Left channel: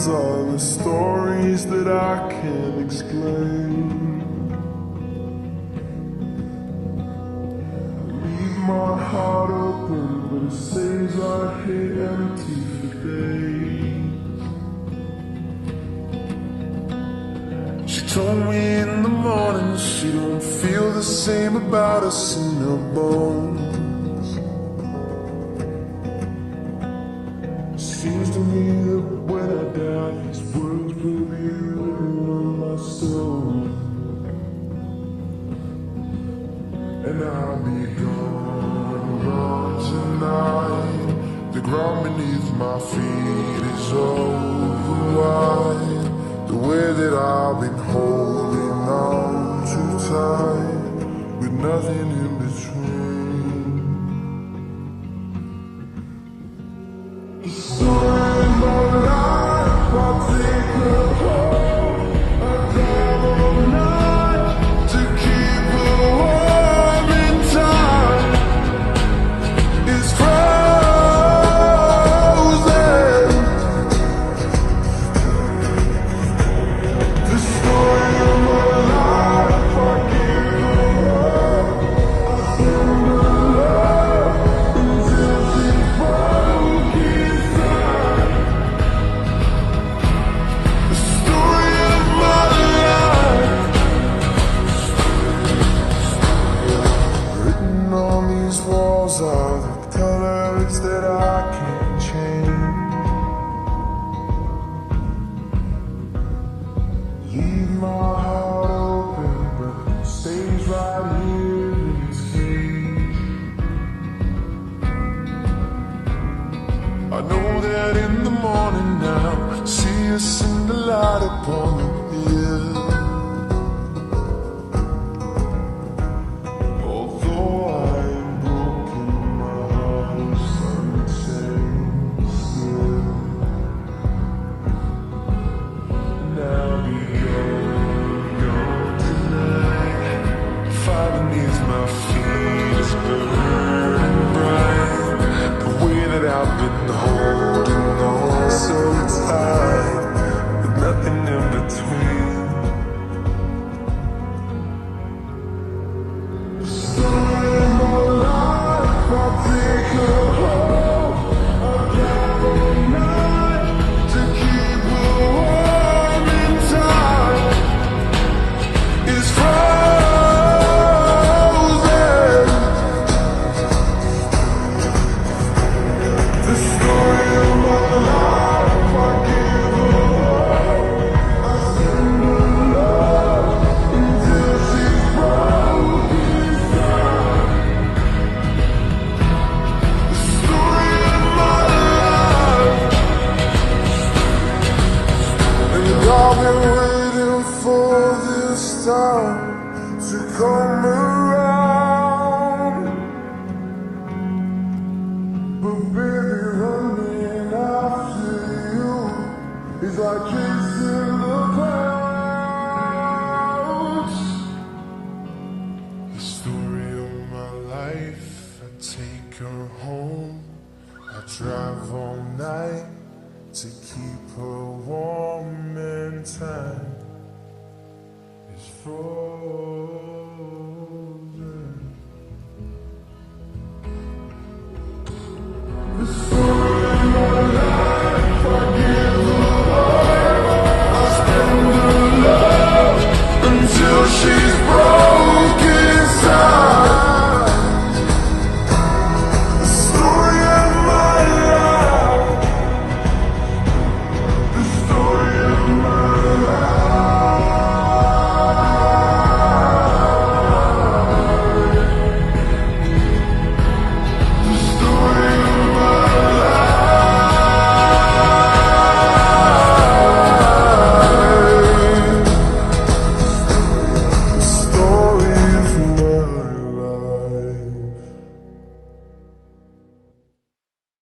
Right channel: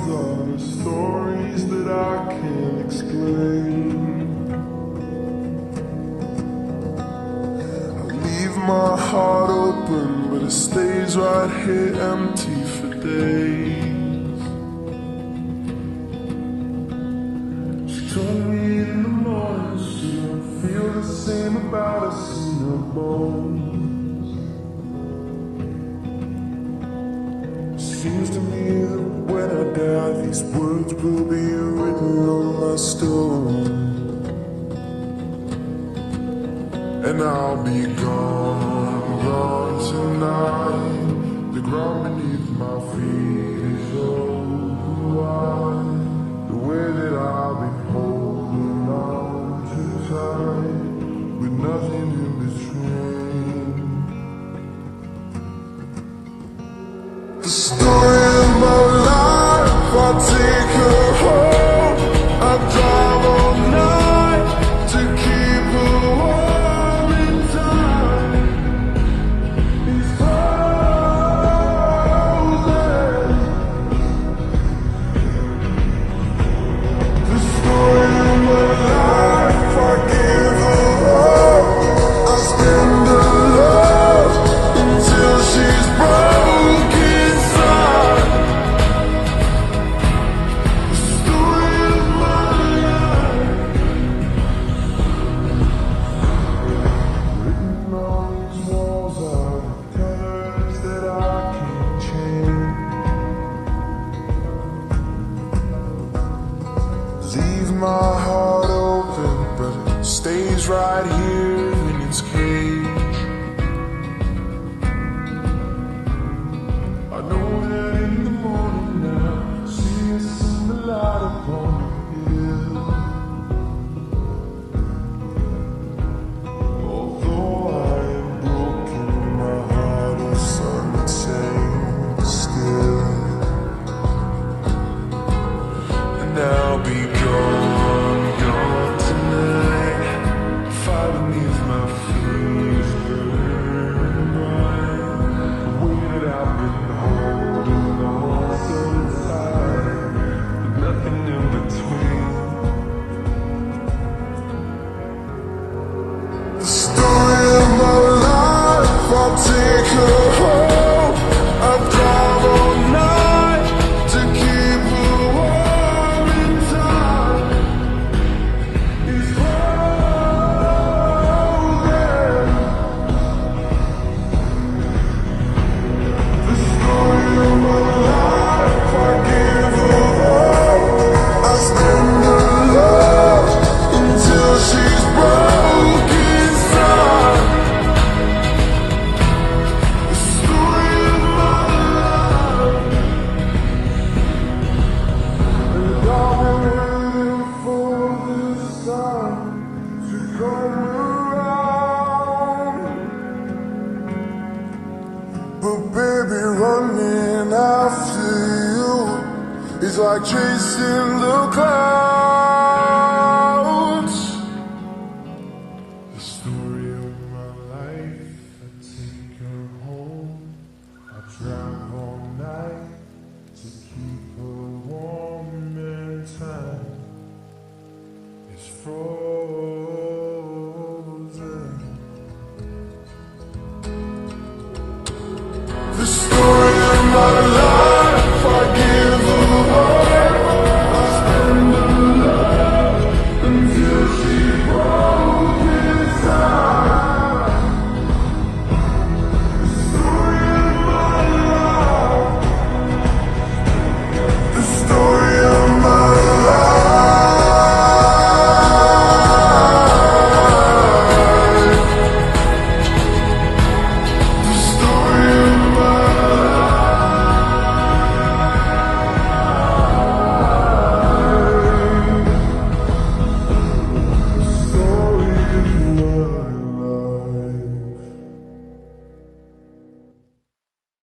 Sometimes are the stories that I can't explain. I leave my heart open, but it stays right here empty for days. She told me in the morning she don't feel the same about us in her bones. Seems to me that when I die, these words will be written on my stone, and I'll be gone.